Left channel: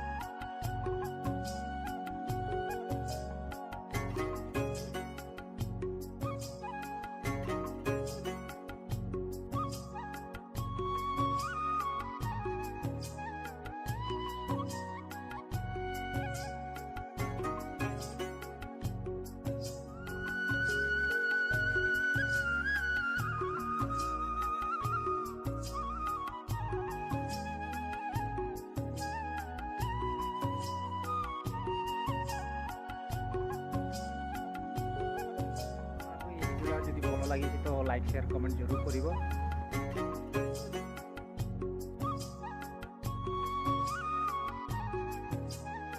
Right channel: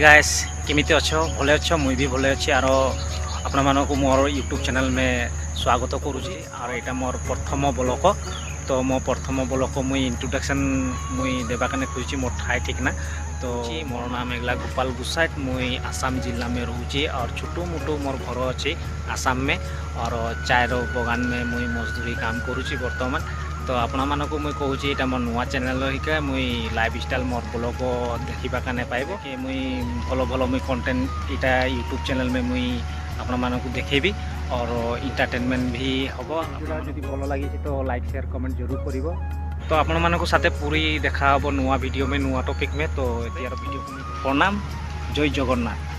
Guys केमिति अच्छो भले अच्छो मुई भी भले अच्छी आरो अपना मानो को मोर यूट्यूब चैनल में स्वागत करुँची और यहाँ मोर प्रथम ब्लॉग तो मो प्रथम ब्लॉग मुई इंट्रोडक्शन मुई देवाकाने खुजी मोर ठाई ठीक ना तो मोर नाम एगला गोपाल गुसाइट मुई आसाम जिला में रोचे और छोटो मोटो मोर घर अच्छे आसाम में और चाय बगान में मुई मजदूरी काम करुँची बर्तमान तो आपण मानक मुई कहूँ यहाँ मोर नुआ चैनल हिका मुई लाइफ स्टाइल मोर ब्लॉग देखा पाइब कि मुई भल भल मुई कंटेंट यहाँ यूट्यूब चैनल में मुई आपण मानक देखेबी और एंटरटेनमेंट भी हम जब भल लगी तो लाइक शेयर कमेंट जरूर करिवो तो आपण मानक साथे पूरी देखा नुआ वीडियो में नुआ टॉपिक में तो यार वीडियो प्रणाम जय जगन्नाथ।